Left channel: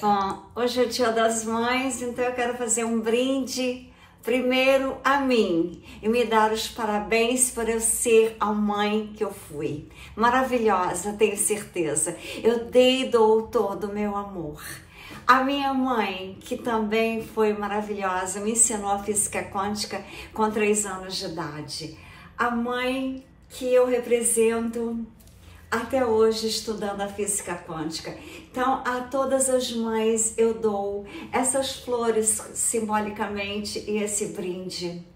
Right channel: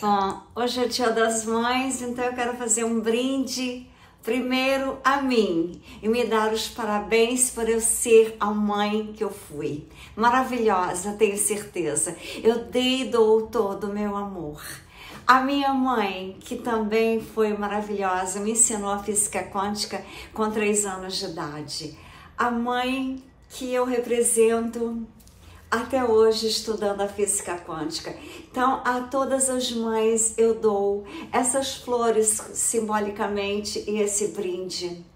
Bom, hoje é Dia das Mães, então eu quero fazer um brinde primeiro a mim e me dar os parabéns por eu ser a mãe que eu fui. Maravilhosa, tenho certeza. Eu dei e dou todo o meu amor. A minha mãe, que também foi maravilhosa, me ensinou a física quântica com 3 anos de idade. A mãe que eu represento até hoje estudando a física quântica. Então, a todas as mães eu dou essas flores simbolicamente e esse brinde.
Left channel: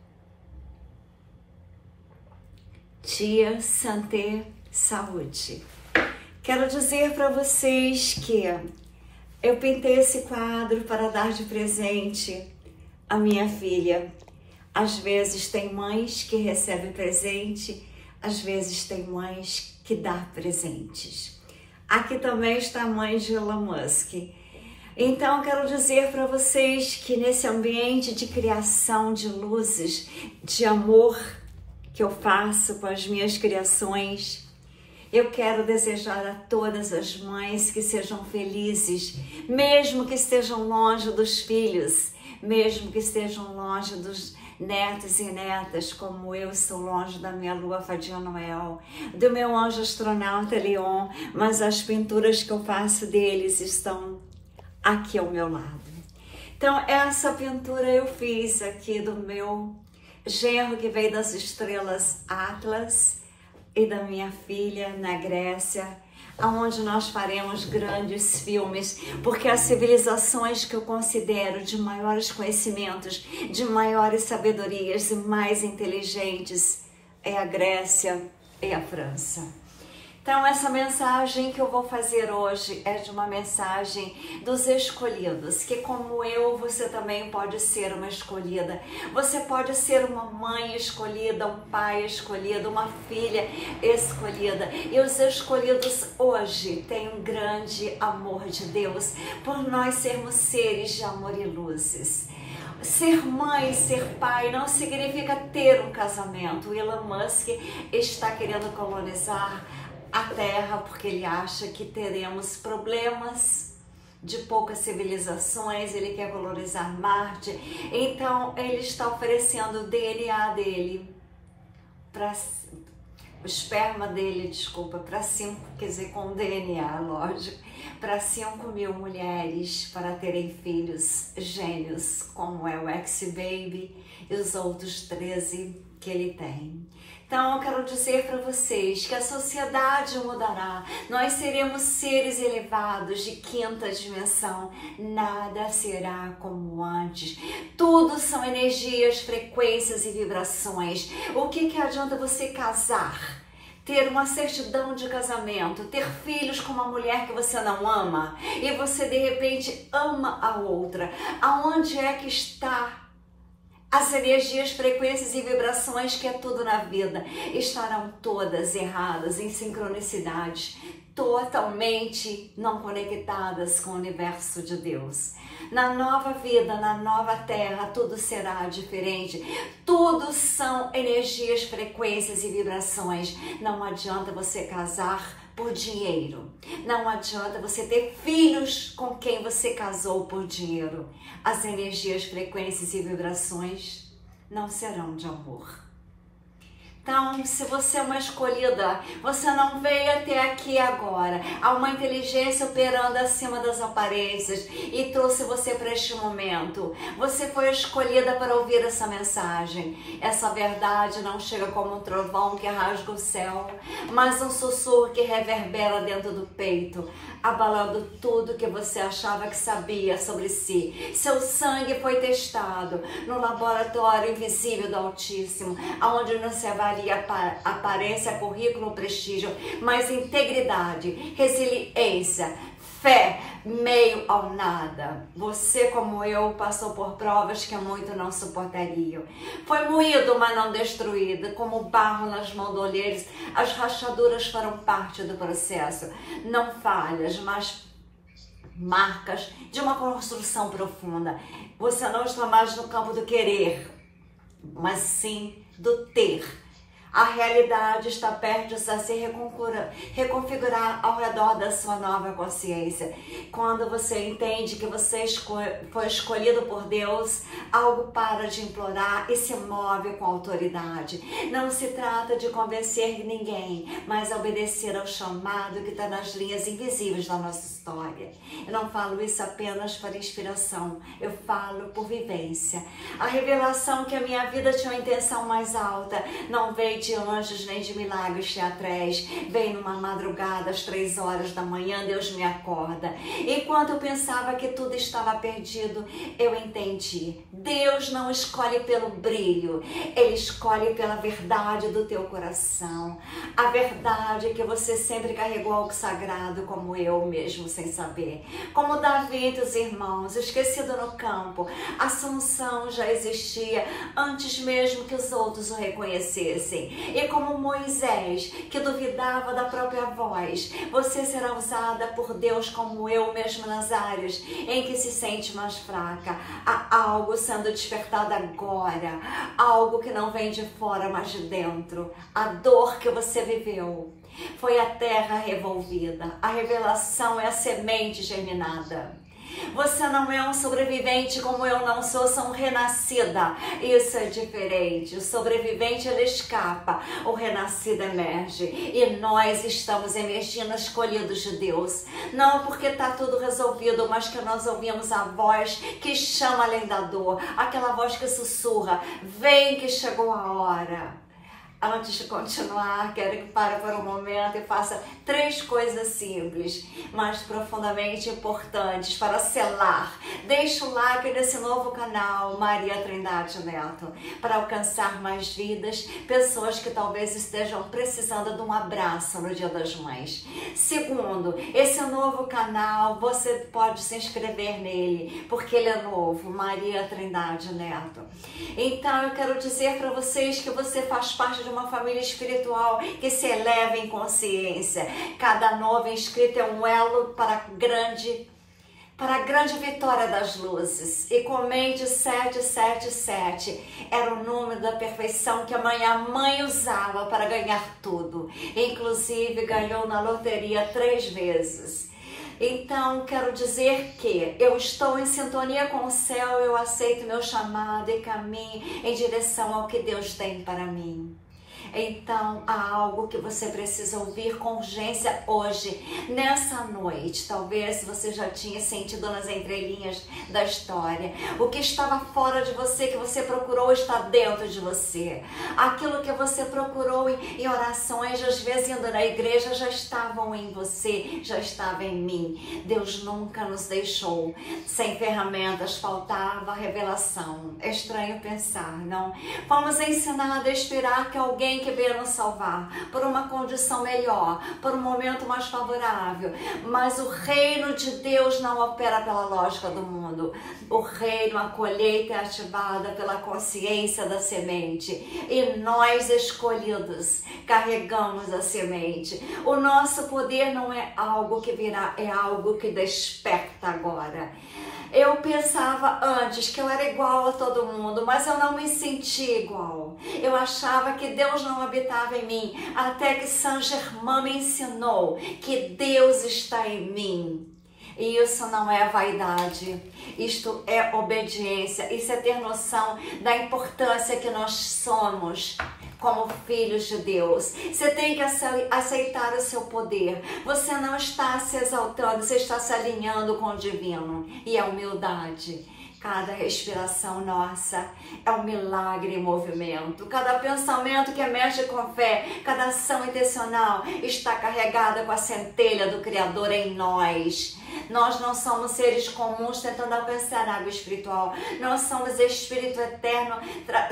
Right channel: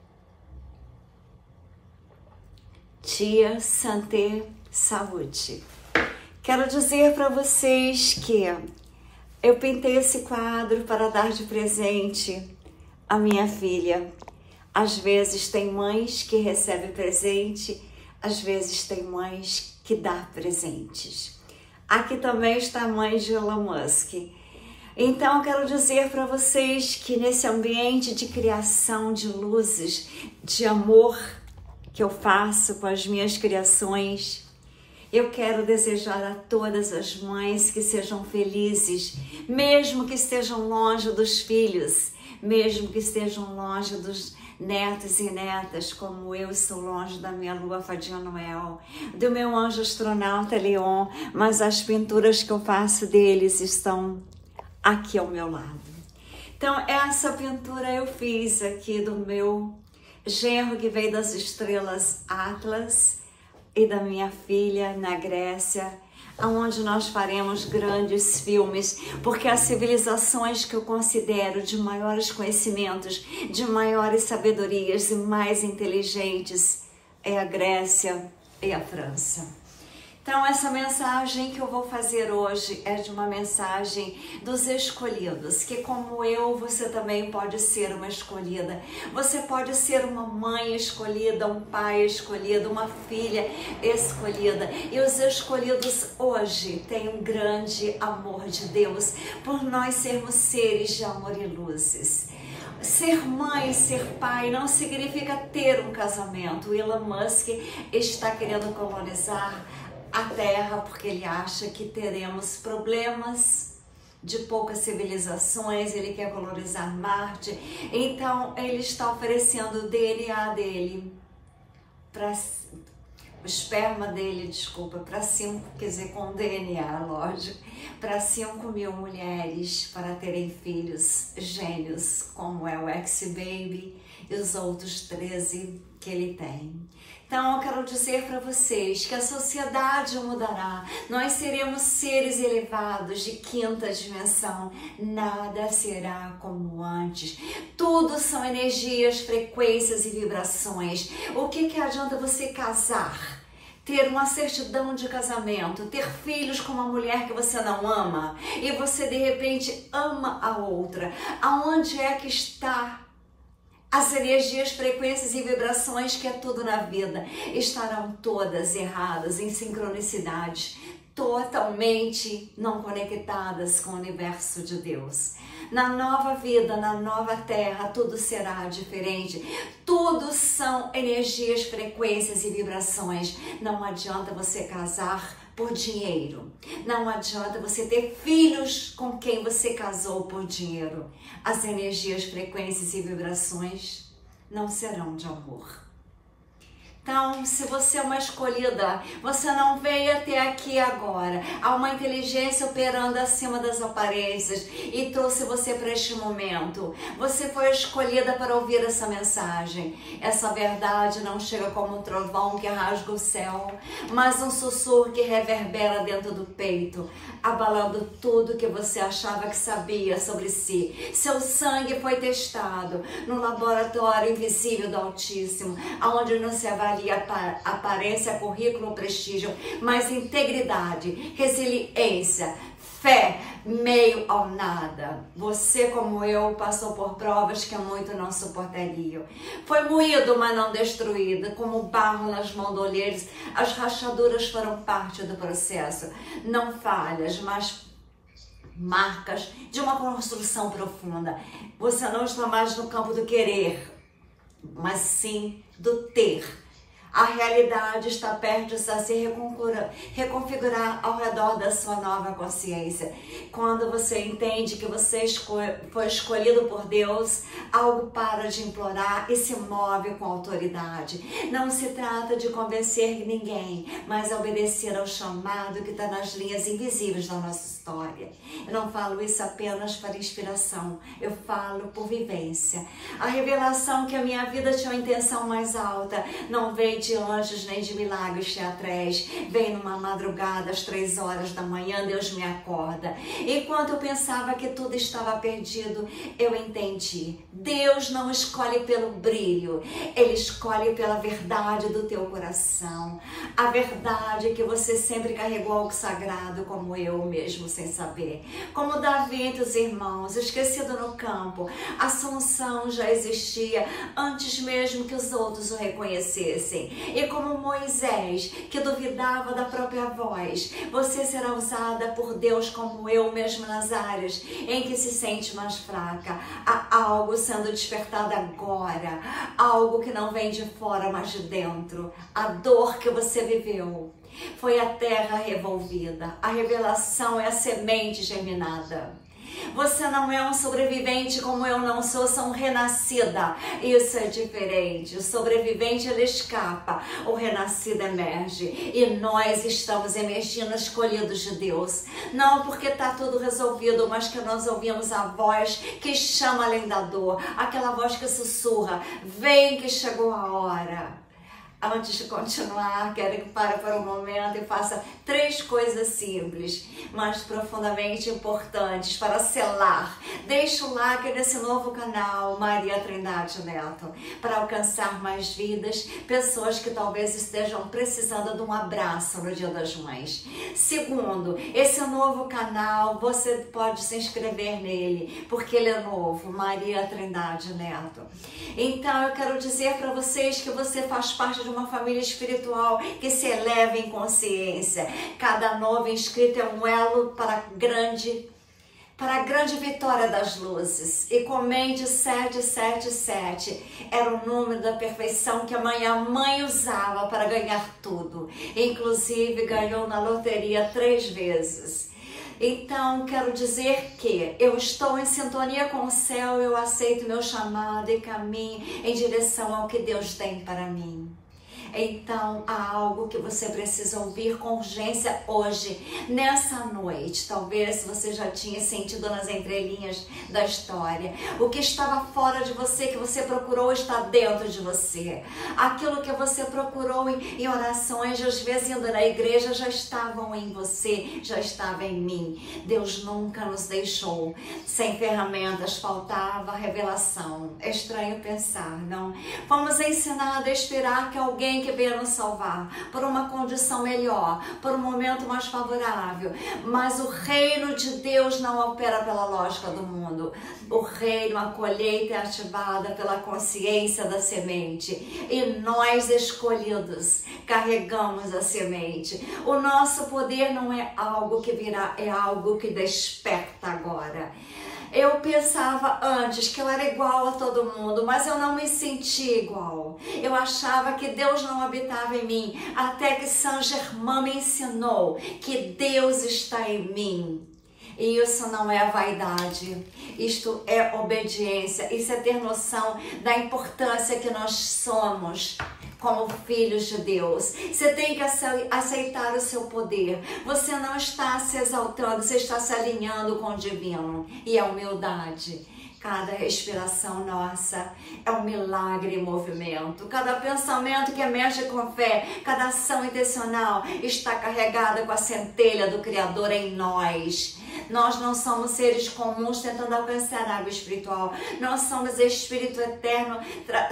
Tia Santé Saúde. Quero dizer para vocês que eu pintei esse quadro para dar de presente à minha filha. Às vezes tem mães que recebem presente, às vezes tem mães que dá presentes. Aqui também está a mãe de Elon Musk. Então, quero dizer para vocês que nesse ambiente de criação de luzes, de amor que eu faço com as minhas criações, eu quero desejar a todas as mães que sejam felizes, mesmo que estejam longe dos filhos, mesmo que estejam longe dos netos e netas, como eu estou longe da minha lua Fadinha Noel, do meu anjo astronauta Leon, mas as pinturas que eu faço deles estão aqui ao meu lado. Então, essa pintura eu fiz aqui do meu genro que veio das estrelas Atlas e da minha filha na Grécia, onde nós faremos grandes filmes, porque as civilizações que eu considero de maiores conhecimentos, de maiores sabedorias e mais inteligentes é a Grécia e a França. Então, essa mensagem que eu vou fazer hoje é de uma mensagem dos escolhidos, que como eu, você também pode ser uma escolhida. Você pode ser uma mãe escolhida, um pai escolhido, uma filha escolhida. E os escolhidos hoje têm um grande amor de Deus por nós sermos seres de amor e luzes. Ser mãe, ser pai não significa ter um casamento. O Elon Musk está querendo colonizar a Terra porque ele acha que teremos problemas de poucas civilizações, ele quer colonizar Marte, então ele está oferecendo o DNA dele, o esperma dele, desculpa, para 5, quer dizer, com DNA, lógico, para 5.000 mulheres para terem filhos gênios, como é o X-Baby e os outros 13 que ele tem. Então, eu quero dizer para vocês que a sociedade mudará, nós seremos seres elevados de 5ª dimensão, nada será como antes. Tudo são energias, frequências e vibrações. O que adianta você casar? Ter uma certidão de casamento, ter filhos com uma mulher que você não ama e você de repente ama a outra. Aonde é que está as energias, frequências e vibrações, que é tudo na vida, estarão todas erradas, em sincronicidade, totalmente não conectadas com o universo de Deus. Na nova vida, na nova terra, tudo será diferente. Tudo são energias, frequências e vibrações. Não adianta você casar por dinheiro. Não adianta você ter filhos com quem você casou por dinheiro. As energias, frequências e vibrações não serão de amor. Então, se você é uma escolhida, você não veio até aqui agora. Há uma inteligência operando acima das aparências e trouxe você para este momento. Você foi escolhida para ouvir essa mensagem. Essa verdade não chega como um trovão que rasga o céu, mas um sussurro que reverbera dentro do peito, abalando tudo que você achava que sabia sobre si. Seu sangue foi testado no laboratório invisível do Altíssimo, onde não se avalia aparência, currículo, prestígio, mas integridade, resiliência, fé, meio ao nada. Você, como eu, passou por provas que muito não suportariam. Foi moído, mas não destruído, como barro nas bandoleiras. As rachaduras foram parte do processo. Não falhas, mas marcas de uma construção profunda. Você não está mais no campo do querer, mas sim do ter. A realidade está perto a se reconfigurar ao redor da sua nova consciência. Quando você entende que você foi escolhido por Deus, algo para de implorar e se move com autoridade. Não se trata de convencer ninguém, mas obedecer ao chamado que está nas linhas invisíveis da nossa história. Eu não falo isso apenas para inspiração, eu falo por vivência. A revelação que a minha vida tinha uma intenção mais alta não veio de anjos nem de milagres teatrais, vem numa madrugada às 3 horas da manhã, Deus me acorda. Enquanto eu pensava que tudo estava perdido, eu entendi. Deus não escolhe pelo brilho, Ele escolhe pela verdade do teu coração. A verdade é que você sempre carregou algo sagrado, como eu mesmo, sem saber. Como Davi entre os irmãos, esquecido no campo, a Assunção já existia antes mesmo que os outros o reconhecessem. E como Moisés, que duvidava da própria voz, você será usada por Deus como eu mesmo nas áreas em que se sente mais fraca. Há algo sendo despertado agora, algo que não vem de fora, mas de dentro. A dor que você viveu foi a terra revolvida. A revelação é a semente germinada. Você não é um sobrevivente como eu não sou renascida. Isso é diferente. O sobrevivente, ele escapa. O renascido emerge. E nós estamos emergindo, escolhidos de Deus. Não porque está tudo resolvido, mas que nós ouvimos a voz que chama além da dor. Aquela voz que sussurra: vem que chegou a hora. Antes de continuar, quero que pare por um momento e faça 3 coisas simples, mas profundamente importantes para selar. Deixe o like nesse novo canal, Maria Trindade Neto, para alcançar mais vidas, pessoas que talvez estejam precisando de um abraço no Dia das Mães. Segundo, esse novo canal, você pode se inscrever nele, porque ele é novo, Maria Trindade Neto. Então, eu quero dizer para vocês que você faz parte de uma família espiritual que se eleva em consciência. Cada novo inscrito é um elo para a grande vitória das luzes. E comente 777. Era o número da perfeição que a mãe usava para ganhar tudo. Inclusive, ganhou na loteria 3 vezes. Então, quero dizer que eu estou em sintonia com o céu, eu aceito meu chamado e caminho em direção ao que Deus tem para mim. Então, há algo que você precisa ouvir com urgência hoje, nessa noite. Talvez você já tinha sentido nas entrelinhas da história. O que estava fora de você, que você procurou, está dentro de você. Aquilo que você procurou em orações, às vezes indo na igreja, já estavam em você, já estava em mim. Deus nunca nos deixou sem ferramentas, faltava revelação. É estranho pensar, não? Fomos ensinados a esperar que alguém que venha nos salvar por uma condição melhor, por um momento mais favorável, mas o reino de Deus não opera pela lógica do mundo. O reino, a colheita é ativada pela consciência da semente, e nós escolhidos carregamos a semente. O nosso poder não é algo que virá, é algo que desperta agora. Eu pensava antes que eu era igual a todo mundo, mas eu não me sentia igual. Eu achava que Deus não habitava em mim, até que Saint Germain me ensinou que Deus está em mim. E isso não é vaidade, isto é obediência, isso é ter noção da importância que nós somos como filhos de Deus. Você tem que aceitar o seu poder. Você não está se exaltando, você está se alinhando com o divino. E a humildade. Cada respiração nossa é um milagre em movimento. Cada pensamento que emerge com fé, cada ação intencional está carregada com a centelha do Criador em nós. Nós não somos seres comuns tentando alcançar a água espiritual. Nós somos Espírito eterno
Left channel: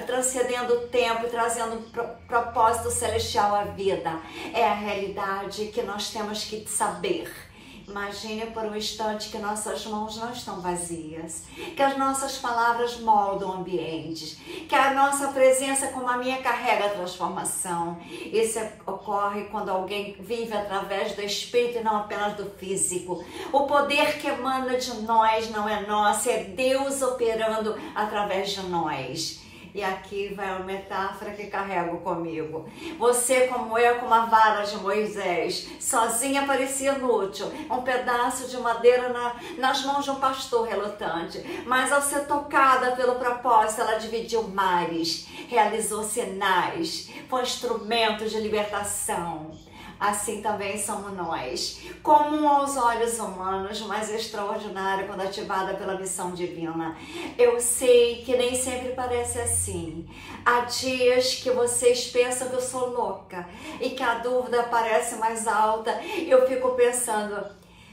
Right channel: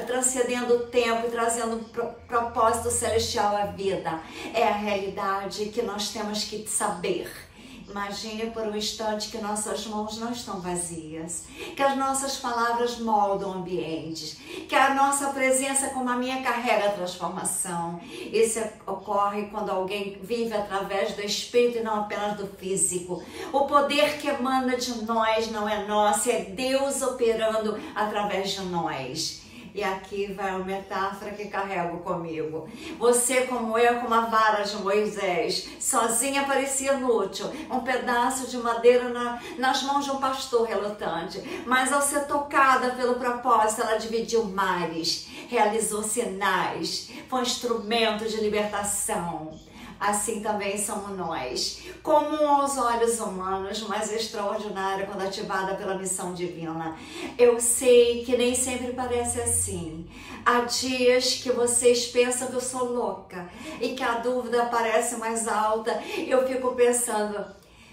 transcendendo o tempo e trazendo um propósito celestial à vida. É a realidade que nós temos que saber. Imagine por um instante que nossas mãos não estão vazias, que as nossas palavras moldam ambientes, que a nossa presença como a minha carrega a transformação. Isso ocorre quando alguém vive através do espírito e não apenas do físico. O poder que emana de nós não é nosso, é Deus operando através de nós. E aqui vai uma metáfora que carrego comigo. Você, como eu, com uma vara de Moisés, sozinha parecia inútil, um pedaço de madeira nas mãos de um pastor relutante. Mas ao ser tocada pelo propósito, ela dividiu mares, realizou sinais, foi instrumento de libertação. Assim também somos nós, comum aos olhos humanos, mas extraordinária quando ativada pela missão divina. Eu sei que nem sempre parece assim. Há dias que vocês pensam que eu sou louca e que a dúvida parece mais alta. Eu fico pensando,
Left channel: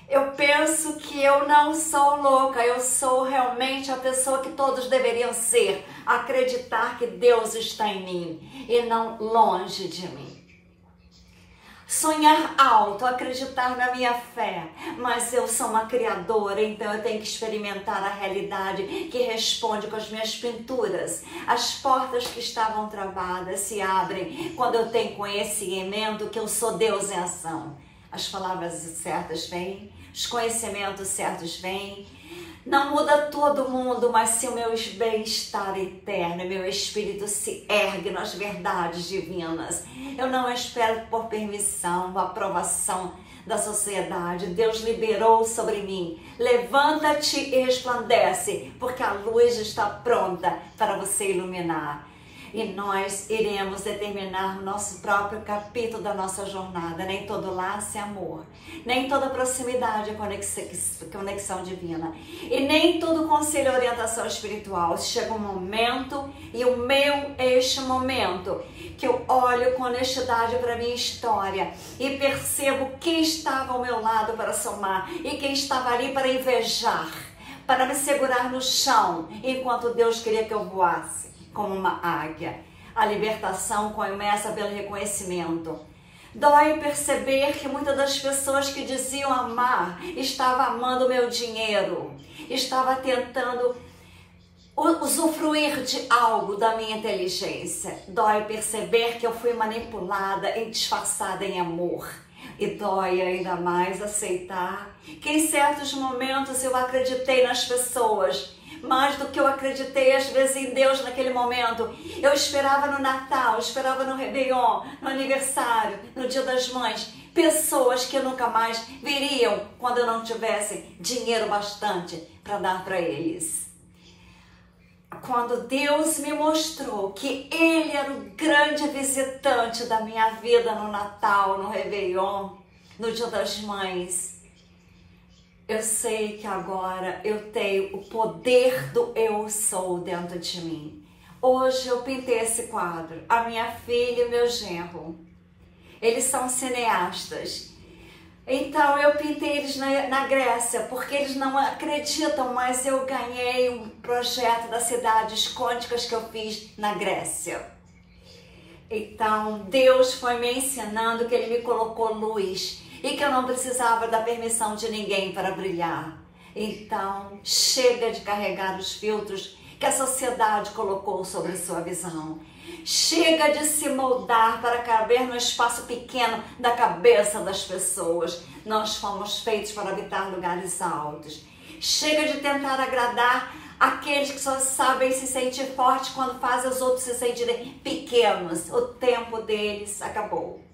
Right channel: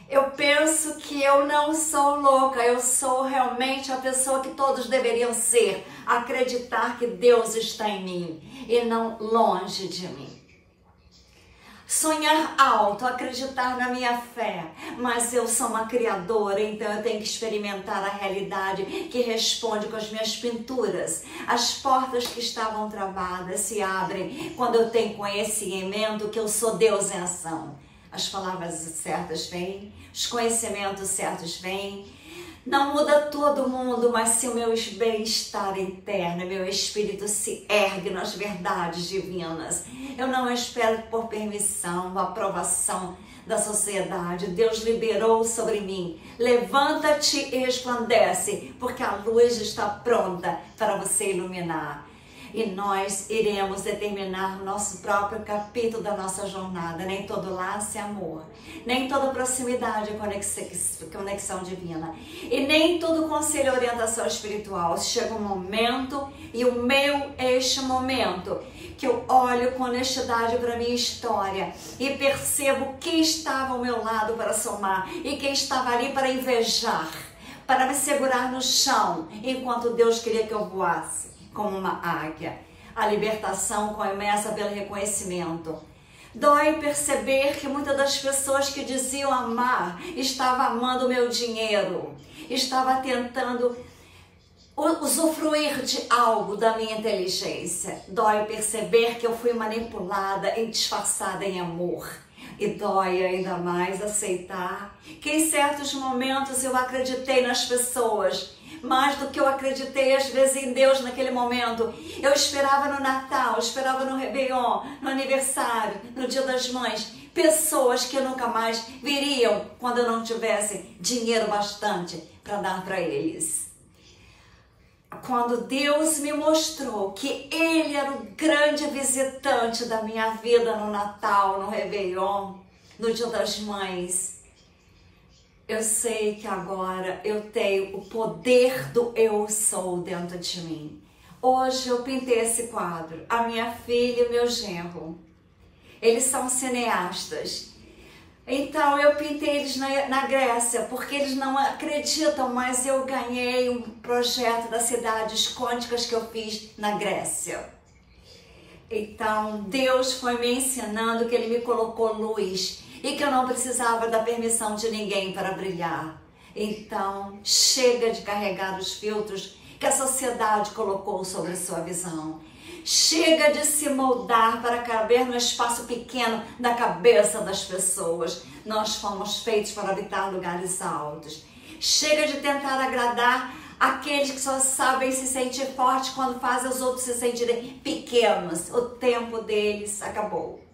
eu penso que eu não sou louca, eu sou realmente a pessoa que todos deveriam ser, acreditar que Deus está em mim e não longe de mim. Sonhar alto, acreditar na minha fé, mas eu sou uma criadora, então eu tenho que experimentar a realidade que responde com as minhas pinturas. As portas que estavam travadas se abrem quando eu tenho conhecimento que eu sou Deus em ação. As palavras certas vêm, os conhecimentos certos vêm. Não muda todo mundo, mas se o meu bem-estar interno, meu espírito se ergue nas verdades divinas. Eu não espero por permissão, aprovação da sociedade. Deus liberou sobre mim. Levanta-te e resplandece, porque a luz está pronta para você iluminar. E nós iremos determinar o nosso próprio capítulo da nossa jornada. Nem todo laço é amor, nem toda proximidade é conexão divina, e nem todo conselho é orientação espiritual. Chega um momento, e o meu é este momento, que eu olho com honestidade para a minha história e percebo quem estava ao meu lado para somar e quem estava ali para invejar, para me segurar no chão, enquanto Deus queria que eu voasse como uma águia. A libertação começa pelo reconhecimento. Dói perceber que muitas das pessoas que diziam amar estavam amando o meu dinheiro, estava tentando usufruir de algo da minha inteligência. Dói perceber que eu fui manipulada e disfarçada em amor. E dói ainda mais aceitar que em certos momentos eu acreditei nas pessoas mais do que eu acreditei às vezes em Deus naquele momento. Eu esperava no Natal, eu esperava no Réveillon, no aniversário, no Dia das Mães, pessoas que nunca mais viriam quando eu não tivesse dinheiro bastante para dar para eles. Quando Deus me mostrou que Ele era o grande visitante da minha vida no Natal, no Réveillon, no Dia das Mães, eu sei que agora eu tenho o poder do eu sou dentro de mim. Hoje eu pintei esse quadro, a minha filha e meu genro. Eles são cineastas. Então eu pintei eles na Grécia, porque eles não acreditam, mas eu ganhei um projeto das cidades quânticas que eu fiz na Grécia. Então Deus foi me ensinando que Ele me colocou luz e que eu não precisava da permissão de ninguém para brilhar. Então chega de carregar os filtros que a sociedade colocou sobre sua visão. Chega de se moldar para caber no espaço pequeno da cabeça das pessoas. Nós fomos feitos para habitar lugares altos. Chega de tentar agradar aqueles que só sabem se sentir fortes quando fazem os outros se sentirem pequenos. O tempo deles acabou.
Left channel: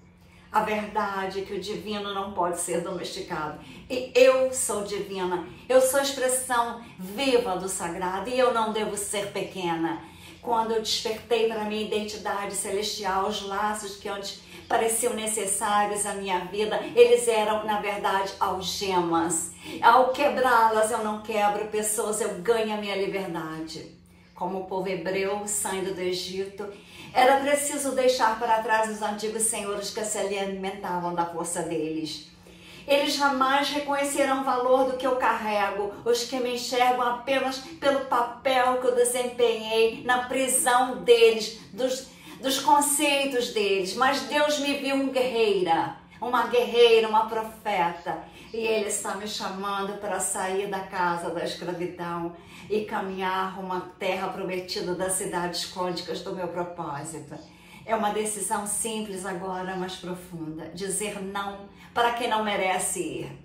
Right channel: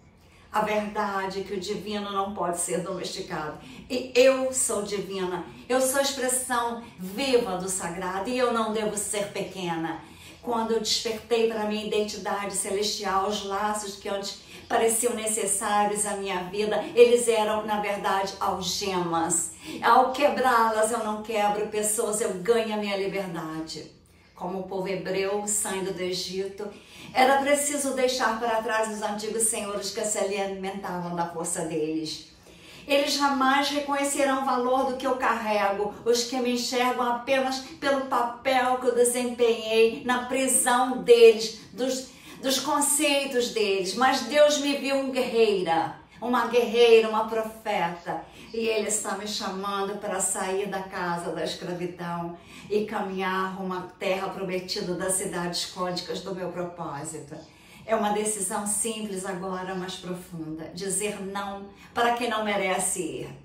A verdade é que o divino não pode ser domesticado. E eu sou divina. Eu sou a expressão viva do sagrado e eu não devo ser pequena. Quando eu despertei para a minha identidade celestial, os laços que antes pareciam necessários à minha vida, eles eram, na verdade, algemas. Ao quebrá-las, eu não quebro pessoas, eu ganho a minha liberdade. Como o povo hebreu saindo do Egito, era preciso deixar para trás os antigos senhores que se alimentavam da força deles. Eles jamais reconhecerão o valor do que eu carrego, os que me enxergam apenas pelo papel que eu desempenhei na prisão deles, dos conceitos deles. Mas Deus me viu uma guerreira, uma profeta. E Ele está me chamando para sair da casa da escravidão e caminhar uma terra prometida das cidades quânticas do meu propósito. É uma decisão simples agora, mas profunda. Dizer não para quem não merece ir.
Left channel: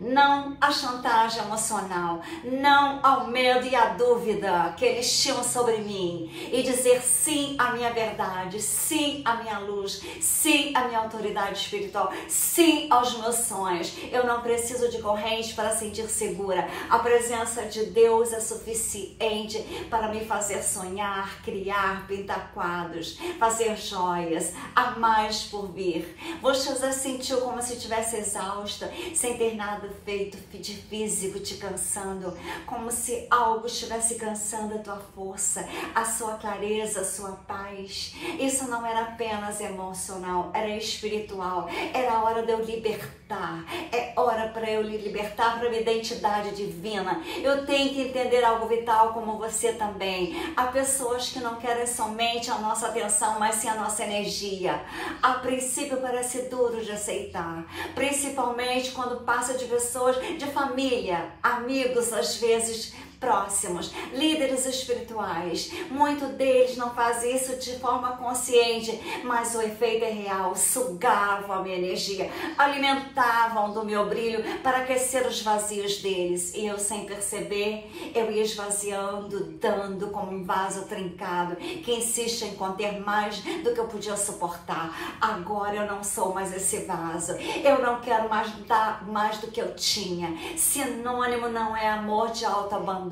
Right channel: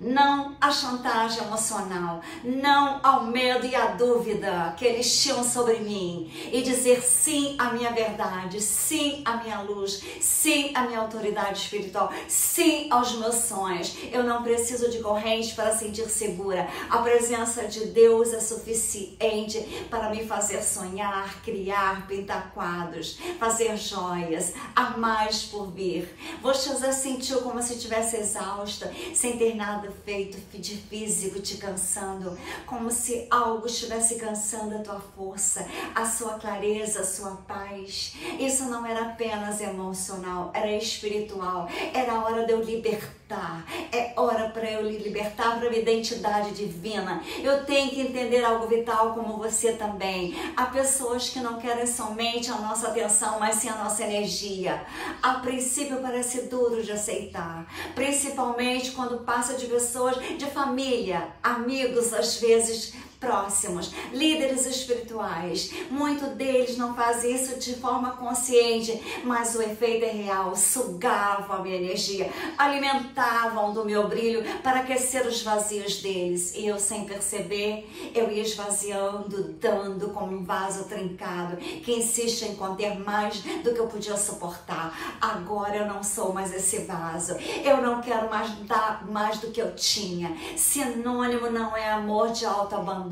não à chantagem emocional, não ao medo e à dúvida que eles tinham sobre mim, e dizer sim à minha verdade, sim à minha luz, sim à minha autoridade espiritual, sim aos meus sonhos. Eu não preciso de corrente para sentir segura. A presença de Deus é suficiente para me fazer sonhar, criar, pintar quadros, fazer joias, há mais por vir. Você já sentiu como se estivesse exausta, sem ter nada feito de físico te cansando, como se algo estivesse cansando a tua força, a sua clareza, a sua paz? Isso não era apenas emocional, era espiritual. Era hora de eu libertar, é hora para eu libertar para minha identidade divina. Eu tenho que entender algo vital, como você também. Há pessoas que não querem somente a nossa atenção, mas sim a nossa energia. A princípio parece duro de aceitar, principalmente quando passa de pessoas de família, amigos, às vezes próximos, líderes espirituais. Muitos deles não fazem isso de forma consciente, mas o efeito é real. Sugavam a minha energia, alimentavam do meu brilho para aquecer os vazios deles, e eu, sem perceber, eu ia esvaziando, dando como um vaso trincado que insiste em conter mais do que eu podia suportar. Agora eu não sou mais esse vaso, eu não quero mais dar mais do que eu tinha. Sinônimo não é amor de autoabandono.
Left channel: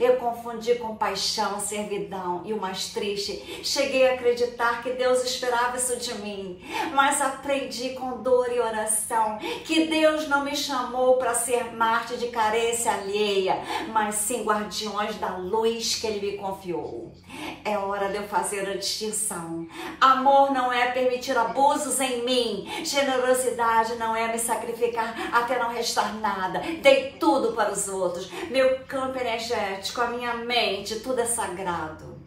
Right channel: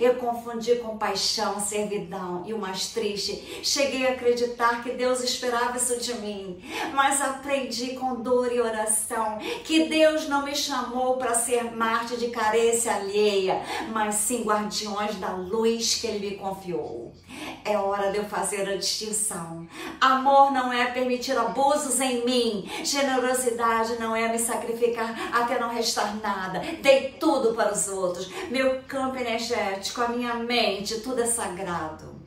Eu confundi compaixão, servidão, e o mais triste, cheguei a acreditar que Deus esperava isso de mim, mas aprendi com dor e oração que Deus não me chamou para ser mártir de carência alheia, mas sim guardiões da luz que Ele me confiou. É hora de eu fazer a distinção. Amor não é permitir abusos em mim. Generosidade não é me sacrificar até não restar nada. Dei tudo para os outros. Meu campo energético, a minha mente, tudo é sagrado.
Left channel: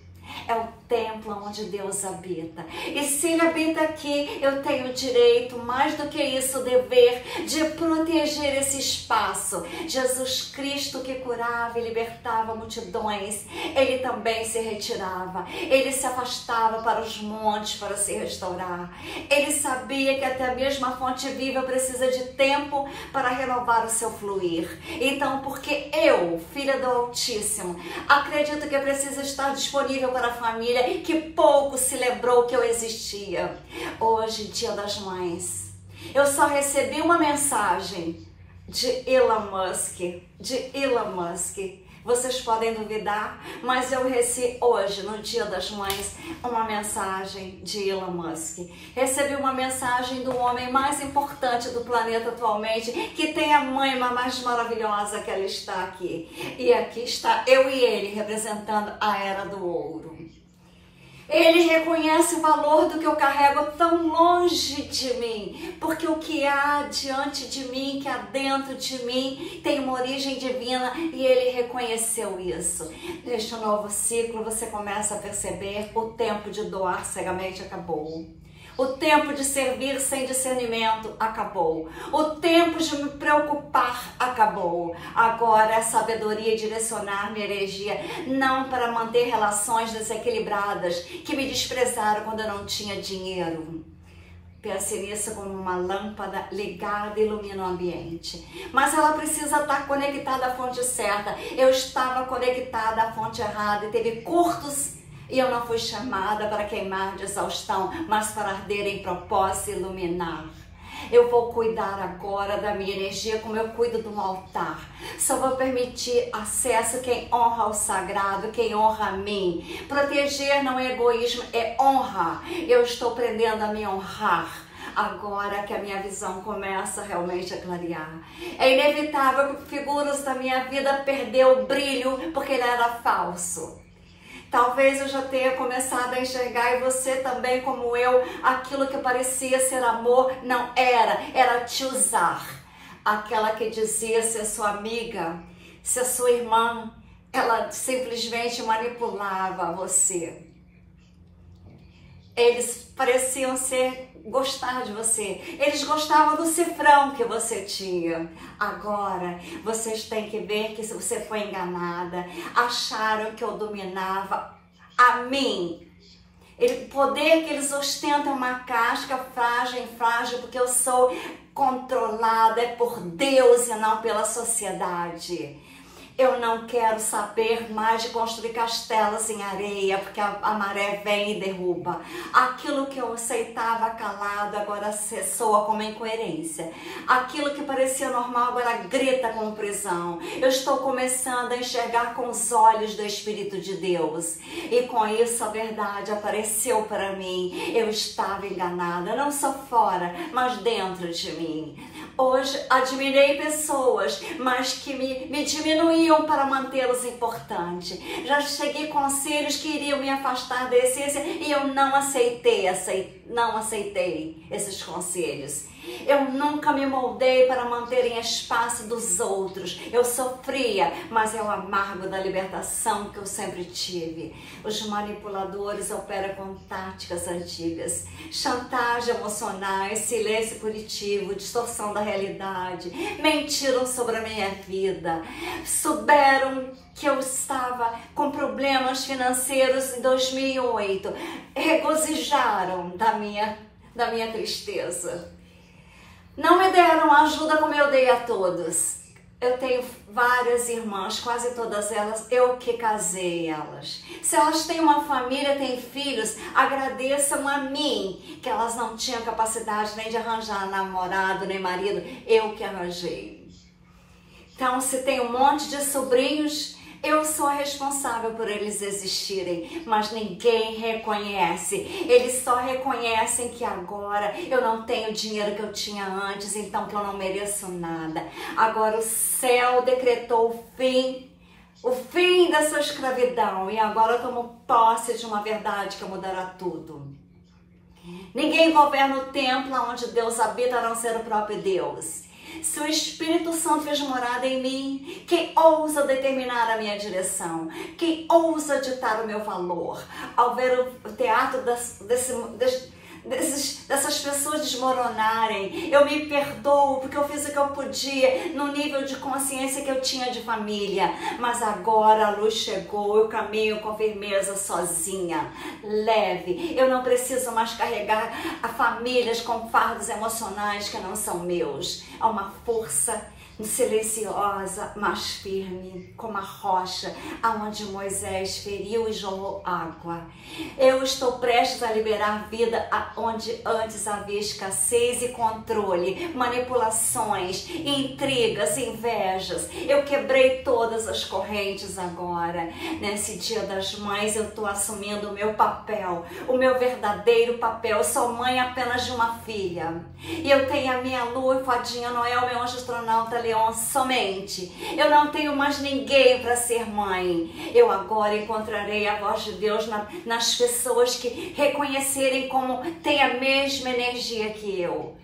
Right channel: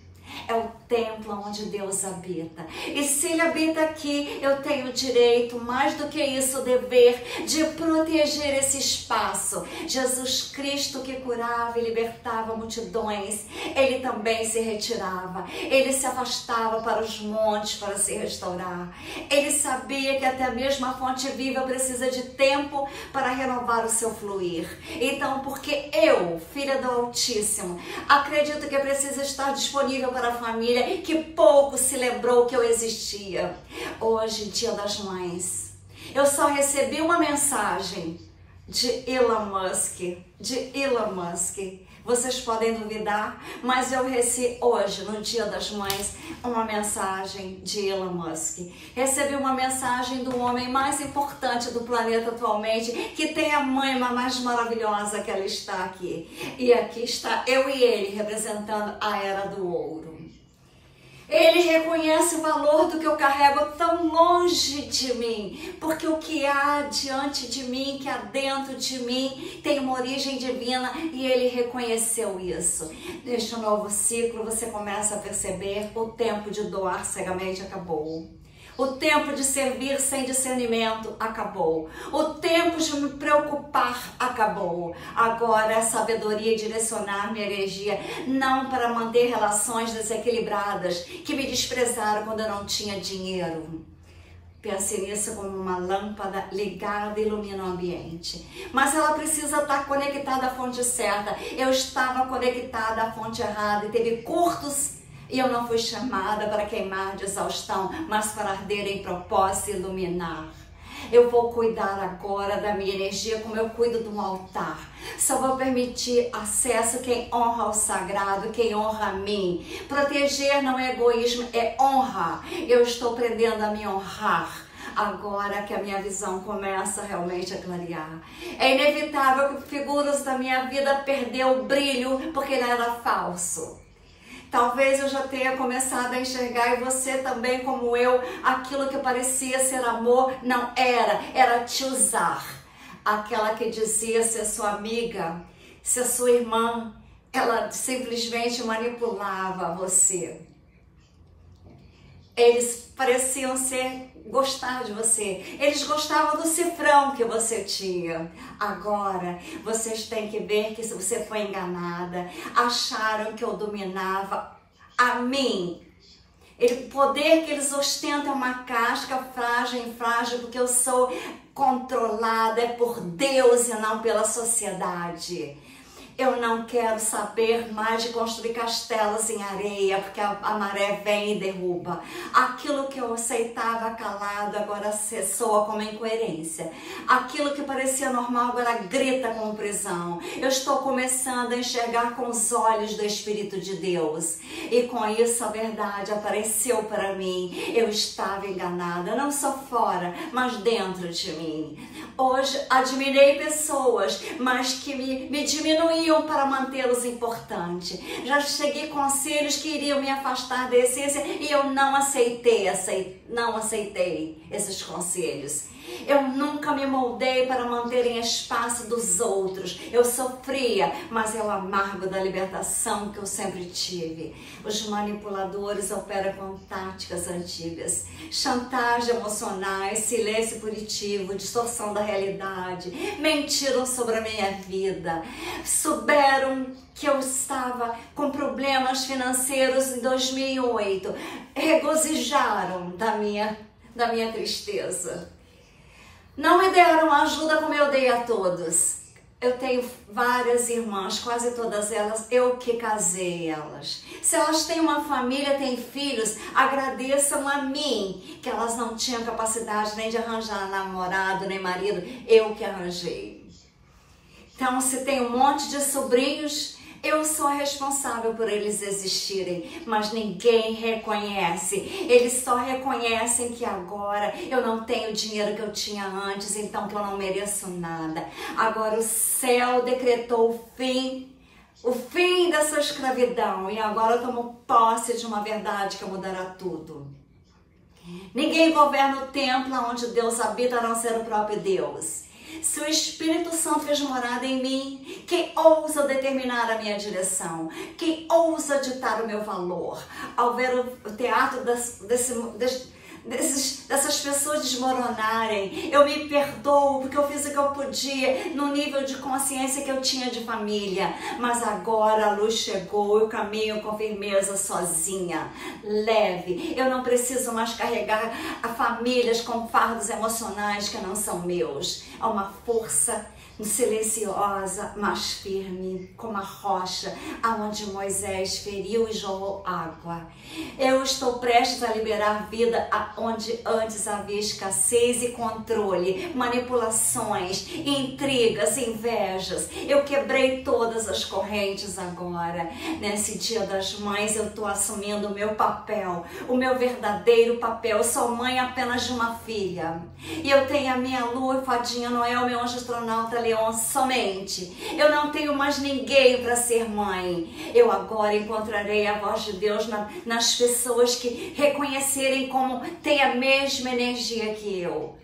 É o templo onde Deus habita. E se Ele habita aqui, eu tenho direito, mais do que isso, dever de proteger esse espaço. Jesus Cristo, que curava e libertava multidões, Ele também se retirava. Ele se afastava para os montes para se restaurar. Ele sabia que até mesmo a fonte viva precisa de tempo para renovar o seu fluir. Então, porque eu, filha do Altíssimo, acredito que precisa estar disponível para a família que pouco se lembrou que eu existia. Hoje, Dia das Mães, eu só recebi uma mensagem de Elon Musk. Vocês podem duvidar, mas eu recebi hoje, no Dia das Mães, uma mensagem de Elon Musk. Recebi uma mensagem do homem mais importante do planeta atualmente, que tem a mãe mais maravilhosa, que ela está aqui. E aqui está eu e ele, representando a Era do Ouro. Ele reconhece o valor do que eu carrego tão longe de mim, porque o que há diante de mim, que há dentro de mim, tem uma origem divina, e ele reconheceu isso. Neste novo ciclo, você começa a perceber: o tempo de doar cegamente acabou. O tempo de servir sem discernimento acabou. O tempo de me preocupar acabou. Agora é sabedoria direcionar minha energia, não para manter relações desequilibradas que me desprezaram quando eu não tinha dinheiro. Pense nisso como uma lâmpada ligada e ilumina o ambiente. Mas ela precisa estar conectada à fonte certa. Eu estava conectada à fonte errada e teve curtos. E eu não fui chamada para queimar de exaustão, mas para arder em propósito e iluminar. Eu vou cuidar agora da minha energia como eu cuido de um altar. Só vou permitir acesso quem honra o sagrado, quem honra a mim. Proteger não é egoísmo, é honra. Eu estou aprendendo a me honrar. Agora que a minha visão começa realmente a clarear. É inevitável que figuras da minha vida perdeu o brilho porque ele era falso. Talvez eu já tenha começado a enxergar, e você também, como eu, aquilo que parecia ser amor não era, era te usar. Aquela que dizia ser sua amiga, ser sua irmã, ela simplesmente manipulava você. Eles pareciam gostar de você. Eles gostavam do cifrão que você tinha. Agora, vocês têm que ver que você foi enganada. Acharam que eu dominava a mim. O poder que eles ostentam é uma casca frágil, porque eu sou controlada, é por Deus e não pela sociedade. Eu não quero saber mais de construir castelos em areia, porque a maré vem e derruba. Aquilo que eu aceitava calado agora soa como incoerência. Aquilo que parecia normal agora grita como prisão. Eu estou começando a enxergar com os olhos do Espírito de Deus. E com isso a verdade apareceu para mim. Eu estava enganada, não só fora, mas dentro de mim. Hoje admirei pessoas, mas que me diminuíam para mantê-los importantes. Já cheguei conselhos que iriam me afastar da essência e eu não aceitei esses conselhos. Eu nunca me moldei para manter em espaço dos outros. Eu sofria, mas é o amargo da libertação que eu sempre tive. Os manipuladores operam com táticas antigas, chantagem emocional, silêncio punitivo, distorção da realidade, mentiram sobre a minha vida, souberam que eu estava com problemas financeiros em 2008, regozijaram da minha tristeza. Não me deram ajuda como eu dei a todos. Eu tenho várias irmãs, quase todas elas, eu que casei elas. Se elas têm uma família, têm filhos, agradeçam a mim, que elas não tinham capacidade nem de arranjar namorado, nem marido, eu que arranjei. Então, se tem um monte de sobrinhos, eu sou a responsável por eles existirem, mas ninguém reconhece. Eles só reconhecem que agora eu não tenho o dinheiro que eu tinha antes, então que eu não mereço nada. Agora o céu decretou o fim dessa escravidão e agora eu tomo posse de uma verdade que mudará tudo. Ninguém governa o templo onde Deus habita, a não ser o próprio Deus. Se o Espírito Santo fez morada em mim, quem ousa determinar a minha direção? Quem ousa ditar o meu valor? Ao ver o teatro dessas pessoas desmoronarem, eu me perdoo porque eu fiz o que eu podia no nível de consciência que eu tinha de família, mas agora a luz chegou, eu caminho com firmeza sozinha, leve. Eu não preciso mais carregar a famílias com fardos emocionais que não são meus. Há uma força silenciosa, mas firme, como a rocha, aonde Moisés feriu e jorrou água. Eu estou prestes a liberar vida onde antes havia escassez e controle, manipulações, intrigas, invejas. Eu quebrei todas as correntes agora. Nesse Dia das Mães eu estou assumindo o meu papel, o meu verdadeiro papel. Eu sou mãe apenas de uma filha. E eu tenho a minha lua, fadinha Noel, meu anjo astronauta somente. Eu não tenho mais ninguém para ser mãe. Eu agora encontrarei a voz de Deus nas pessoas que reconhecerem como tem a mesma energia que eu.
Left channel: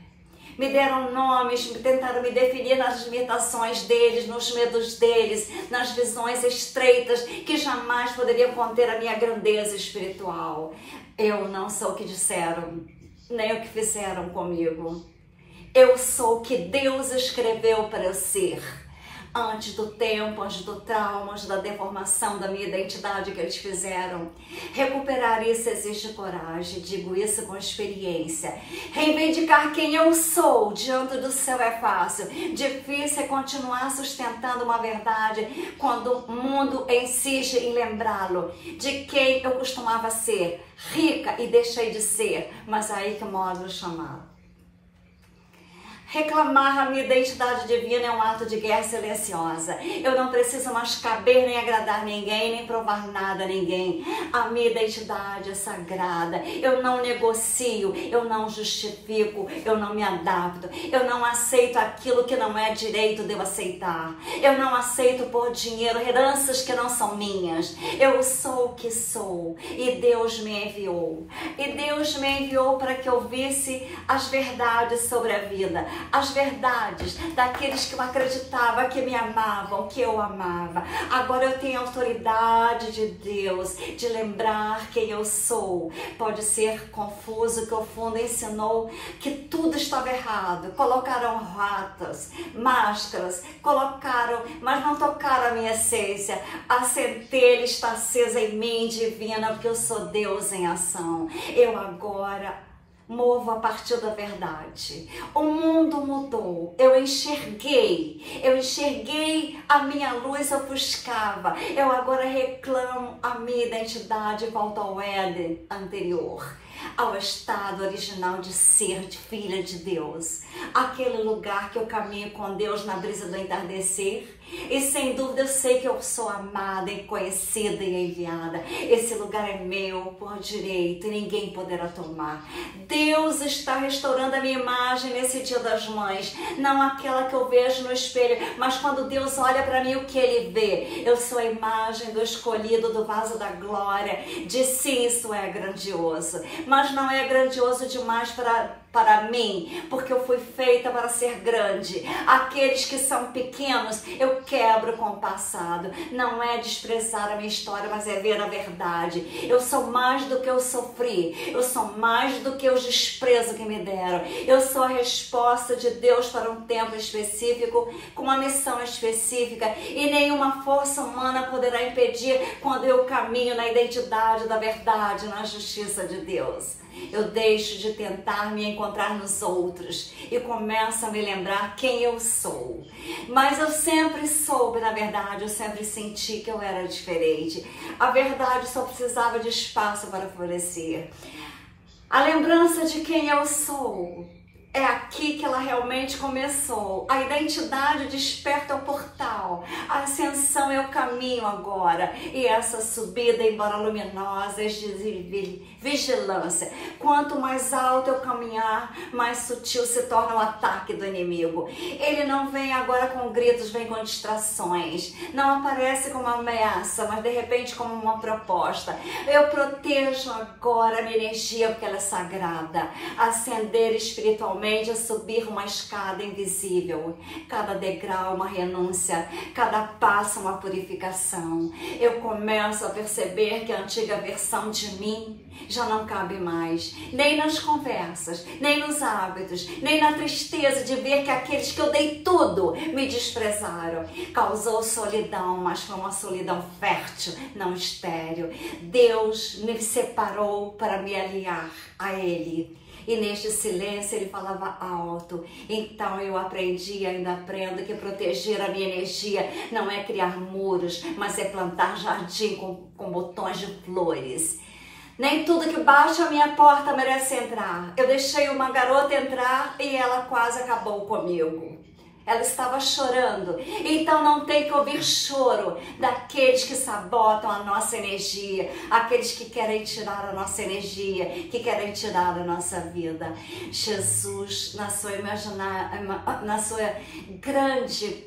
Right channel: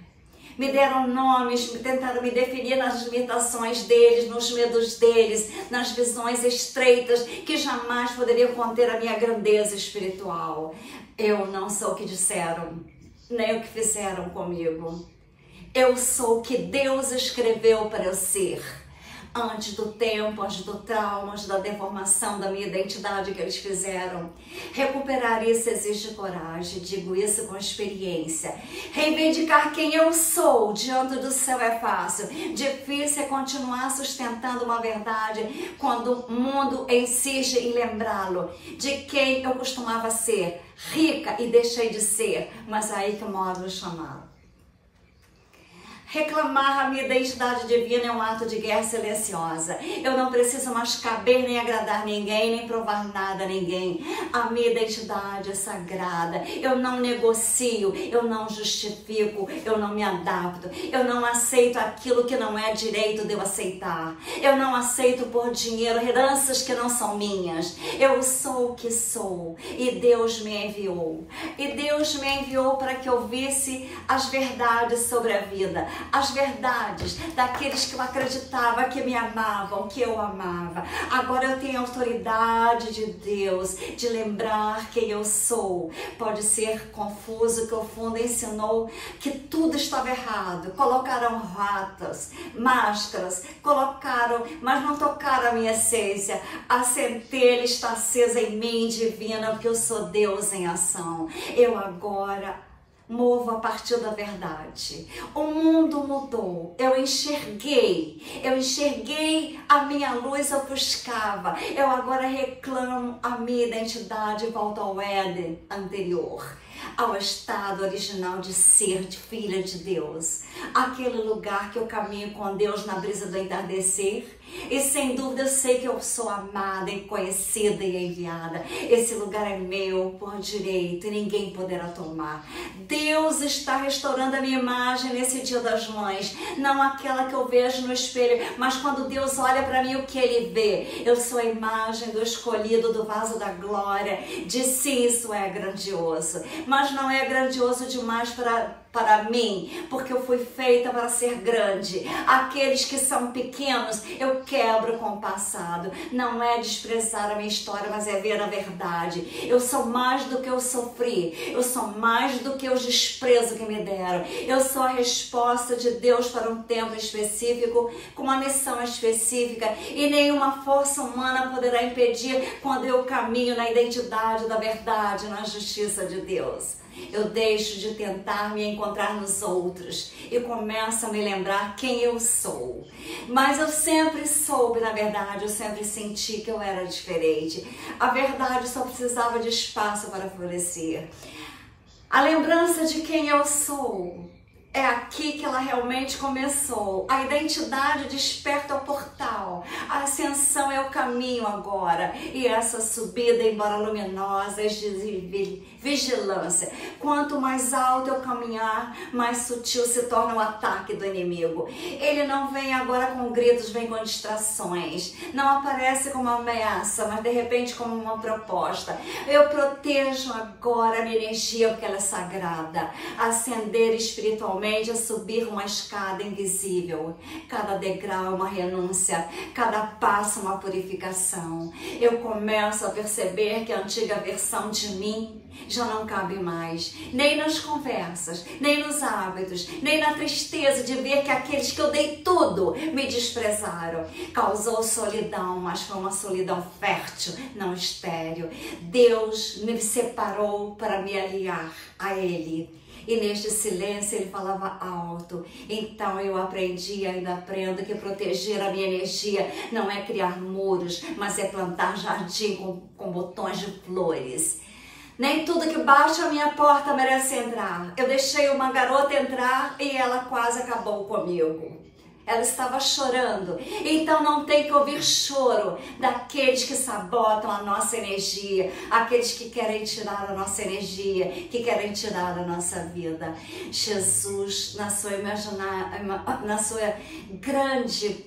Me deram nomes, tentaram me definir nas limitações deles, nos medos deles, nas visões estreitas que jamais poderiam conter a minha grandeza espiritual. Eu não sou o que disseram, nem o que fizeram comigo. Eu sou o que Deus escreveu para eu ser. Antes do tempo, antes do trauma, antes da deformação da minha identidade que eles fizeram. Recuperar isso exige coragem, digo isso com experiência. Reivindicar quem eu sou diante do céu é fácil. Difícil é continuar sustentando uma verdade quando o mundo insiste em lembrá-lo de quem eu costumava ser. Rica e deixei de ser, mas aí que mora o chamado. Reclamar a minha identidade divina é um ato de guerra silenciosa. Eu não preciso mais caber nem agradar ninguém, nem provar nada a ninguém. A minha identidade é sagrada. Eu não negocio, eu não justifico, eu não me adapto. Eu não aceito aquilo que não é direito de eu aceitar. Eu não aceito por dinheiro heranças que não são minhas. Eu sou o que sou e Deus me enviou. E Deus me enviou para que eu visse as verdades sobre a vida. as verdades daqueles que eu acreditava que me amavam, que eu amava. Agora eu tenho a autoridade de Deus de lembrar quem eu sou. Pode ser confuso que o fundo ensinou que tudo estava errado. Colocaram ratas, máscaras, mas não tocaram a minha essência. A centelha está acesa em mim, divina, porque eu sou Deus em ação. Eu agora movo a partir da verdade. O mundo mudou. Eu enxerguei a minha luz ofuscava. Eu agora reclamo a minha identidade e volto ao Éden anterior, ao estado original de ser, de filha de Deus. Aquele lugar que eu caminho com Deus na brisa do entardecer. E sem dúvida eu sei que eu sou amada, e conhecida e enviada. Esse lugar é meu por direito e ninguém poderá tomar. Deus está restaurando a minha imagem nesse Dia das Mães. Não aquela que eu vejo no espelho, mas quando Deus olha para mim, o que Ele vê? Eu sou a imagem do escolhido, do vaso da glória. De sim, isso é grandioso. Mas não é grandioso demais para mim, porque eu fui feita para ser grande. Aqueles que são pequenos, eu quebro com o passado. Não é desprezar a minha história, mas é ver a verdade. Eu sou mais do que eu sofri. Eu sou mais do que os desprezos que me deram. Eu sou a resposta de Deus para um tempo específico, com uma missão específica, e nenhuma força humana poderá impedir quando eu caminho na identidade da verdade, na justiça de Deus. Eu deixo de tentar me encontrar nos outros e começo a me lembrar quem eu sou. Mas eu sempre soube, na verdade, eu sempre senti que eu era diferente. A verdade só precisava de espaço para florescer. A lembrança de quem eu sou é aqui que ela realmente começou. A identidade desperta o portal. A ascensão é o caminho agora. E essa subida, embora luminosa, é de vigilância. Quanto mais alto eu caminhar, mais sutil se torna o ataque do inimigo. Ele não vem agora com gritos, vem com distrações. Não aparece como uma ameaça, mas de repente como uma proposta. Eu protejo agora a minha energia, porque ela é sagrada. Ascender espiritualmente, a subir uma escada invisível. Cada degrau é uma renúncia, cada passo uma purificação. Eu começo a perceber que a antiga versão de mim já não cabe mais, nem nas conversas, nem nos hábitos, nem na tristeza de ver que aqueles que eu dei tudo me desprezaram. Causou solidão, mas foi uma solidão fértil, não estéril. Deus me separou para me aliar a Ele. E neste silêncio ele falava alto. Então eu aprendi e ainda aprendo que proteger a minha energia não é criar muros, mas é plantar jardim com botões de flores. Nem tudo que bate a minha porta merece entrar. Eu deixei uma garota entrar e ela quase acabou comigo. Ela estava chorando, então não tem que ouvir choro daqueles que sabotam a nossa energia, aqueles que querem tirar a nossa energia, que querem tirar a nossa vida. Jesus, na sua grande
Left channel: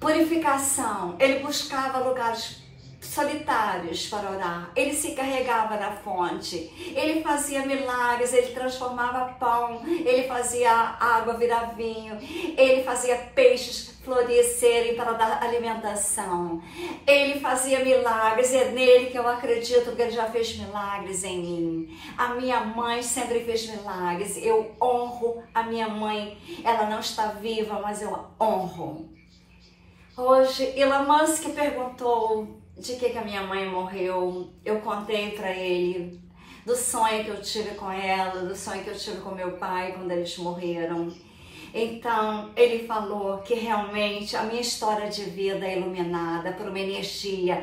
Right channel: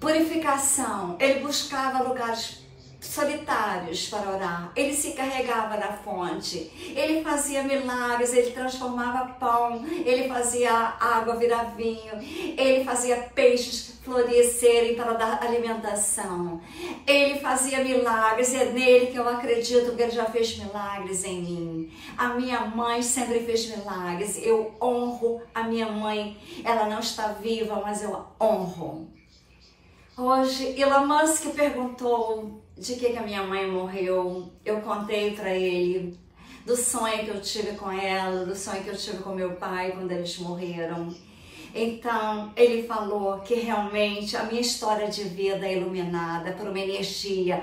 purificação, ele buscava lugares solitários para orar. Ele se carregava na fonte, ele fazia milagres, ele transformava pão, ele fazia água virar vinho, ele fazia peixes florescerem para dar alimentação, ele fazia milagres. E é nele que eu acredito que ele já fez milagres em mim. A minha mãe sempre fez milagres. Eu honro a minha mãe. Ela não está viva, mas eu honro. Hoje Elon Musk perguntou de que a minha mãe morreu. Eu contei para ele do sonho que eu tive com ela, do sonho que eu tive com meu pai quando eles morreram. Então ele falou que realmente a minha história de vida é iluminada por uma energia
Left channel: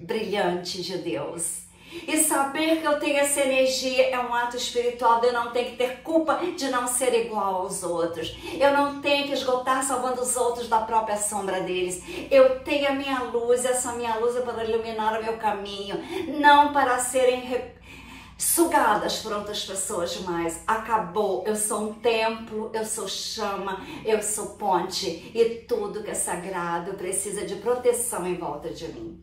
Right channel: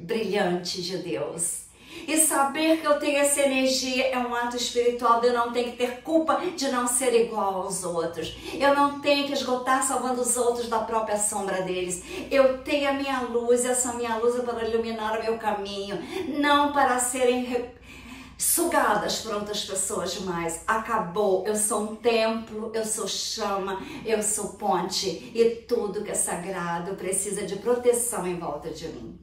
brilhante de Deus. E saber que eu tenho essa energia é um ato espiritual. Eu não tenho que ter culpa de não ser igual aos outros. Eu não tenho que esgotar salvando os outros da própria sombra deles. Eu tenho a minha luz, essa minha luz é para iluminar o meu caminho, não para serem sugadas por outras pessoas demais. Acabou. Eu sou um templo, eu sou chama, eu sou ponte, e tudo que é sagrado precisa de proteção em volta de mim.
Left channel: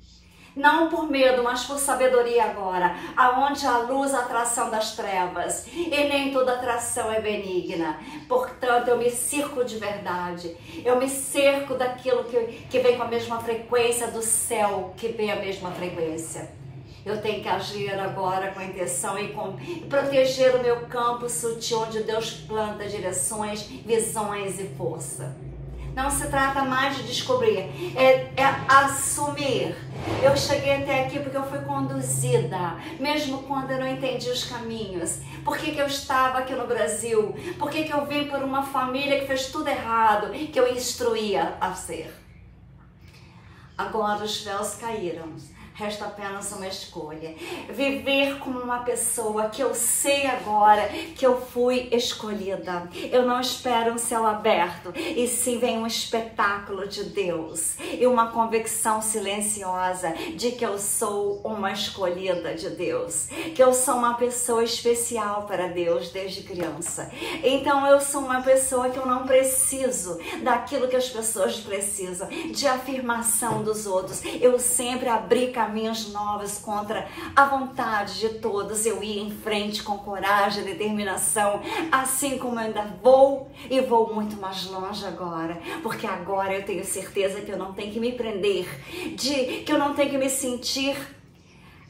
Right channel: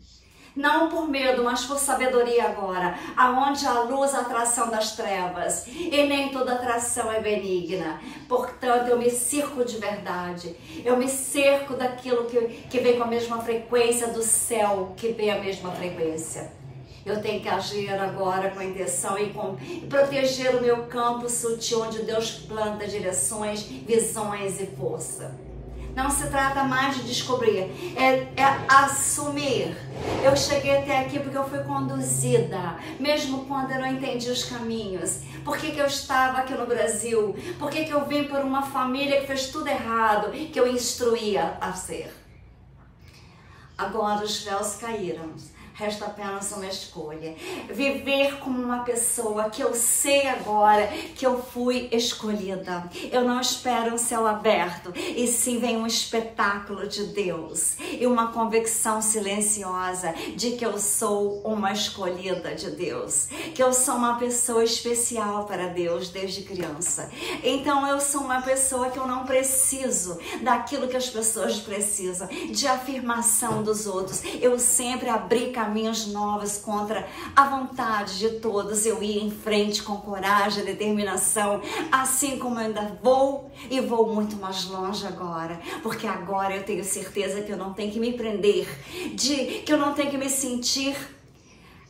Não por medo, mas por sabedoria agora, aonde a luz, a atração das trevas, e nem toda atração é benigna. Portanto, eu me cerco de verdade, eu me cerco daquilo que vem com a mesma frequência do céu, que vem a mesma frequência. Eu tenho que agir agora com a intenção e proteger o meu campo sutil, onde Deus planta direções, visões e força. Não se trata mais de descobrir, é assumir. Eu cheguei até aqui porque eu fui conduzida, mesmo quando eu não entendi os caminhos. Por que eu estava aqui no Brasil? Por que eu vim por uma família que fez tudo errado, que eu instruía a ser? Agora os véus caíram. Resta apenas uma escolha. Viver como uma pessoa que eu sei agora que eu fui escolhida. Eu não espero um céu aberto, e sim vem um espetáculo de Deus e uma convicção silenciosa de que eu sou uma escolhida de Deus, que eu sou uma pessoa especial para Deus desde criança. Então eu sou uma pessoa que eu não preciso daquilo que as pessoas precisam, de afirmação dos outros. Eu sempre abri caminhos novos contra a vontade de todos. Eu ia em frente com coragem, determinação, assim como eu ainda vou e vou muito mais longe agora, porque agora eu tenho certeza que eu não tenho que me prender, que eu não tenho que me sentir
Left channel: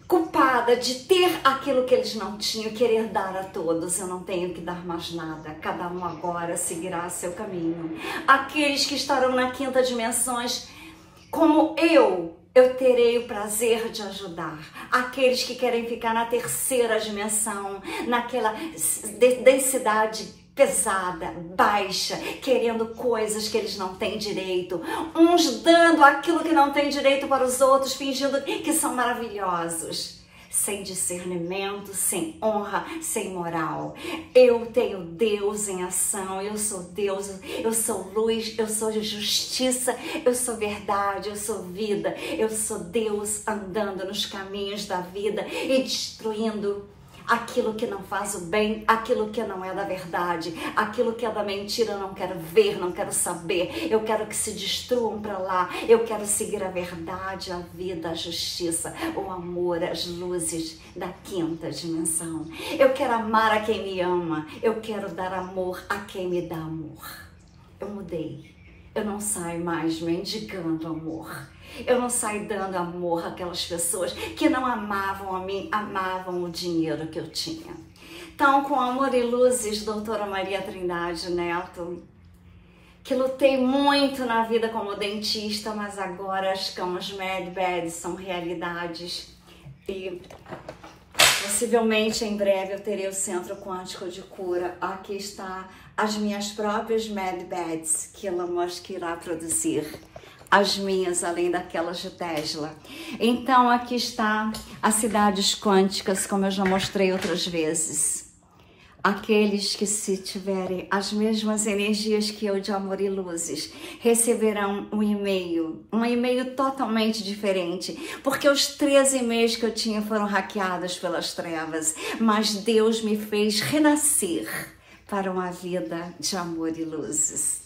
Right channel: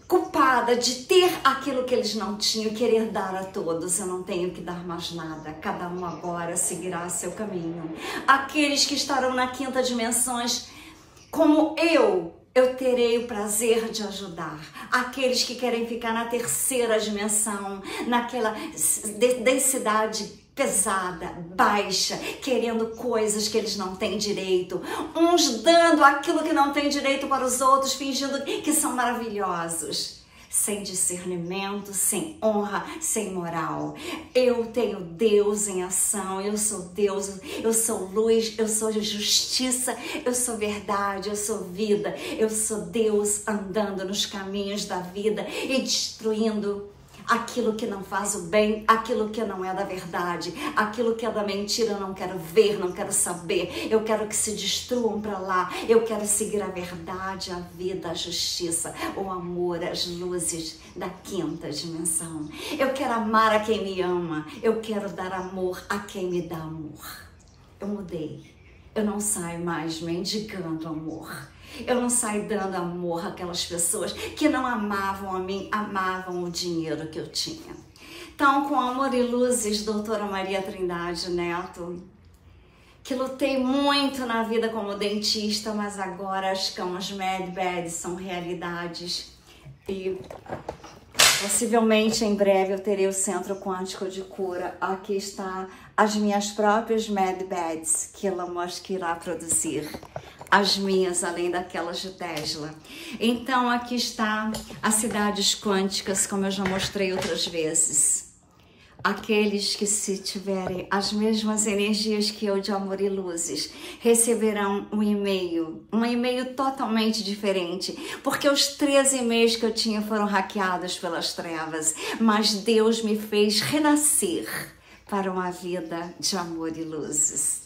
culpada de ter aquilo que eles não tinham, querer dar a todos. Eu não tenho que dar mais nada. Cada um agora seguirá seu caminho. Aqueles que estarão na quinta dimensão, como eu terei o prazer de ajudar. Aqueles que querem ficar na terceira dimensão, naquela densidade pesada, baixa, querendo coisas que eles não têm direito, uns dando aquilo que não tem direito para os outros, fingindo que são maravilhosos, sem discernimento, sem honra, sem moral. Eu tenho Deus em ação, eu sou Deus, eu sou luz, eu sou justiça, eu sou verdade, eu sou vida, eu sou Deus andando nos caminhos da vida e destruindo aquilo que não faz o bem, aquilo que não é da verdade, aquilo que é da mentira. Eu não quero ver, não quero saber. Eu quero que se destruam para lá. Eu quero seguir a verdade, a vida, a justiça, o amor, as luzes da quinta dimensão. Eu quero amar a quem me ama. Eu quero dar amor a quem me dá amor. Eu mudei. Eu não saio mais mendigando amor. Eu não saio dando amor àquelas pessoas que não amavam a mim, amavam o dinheiro que eu tinha. Então, com amor e luzes, doutora Maria Trindade Neto, que lutei muito na vida como dentista, mas agora as camas Med-Beds são realidades. E possivelmente em breve eu terei o Centro Quântico de Cura. Aqui está as minhas próprias Med-Beds que Elon Musk irá produzir. As minhas, além daquelas de Tesla. Então, aqui está as cidades quânticas, como eu já mostrei outras vezes. Aqueles que, se tiverem as mesmas energias que eu de amor e luzes, receberão um e-mail totalmente diferente, porque os 13 e-mails que eu tinha foram hackeados pelas trevas, mas Deus me fez renascer para uma vida de amor e luzes.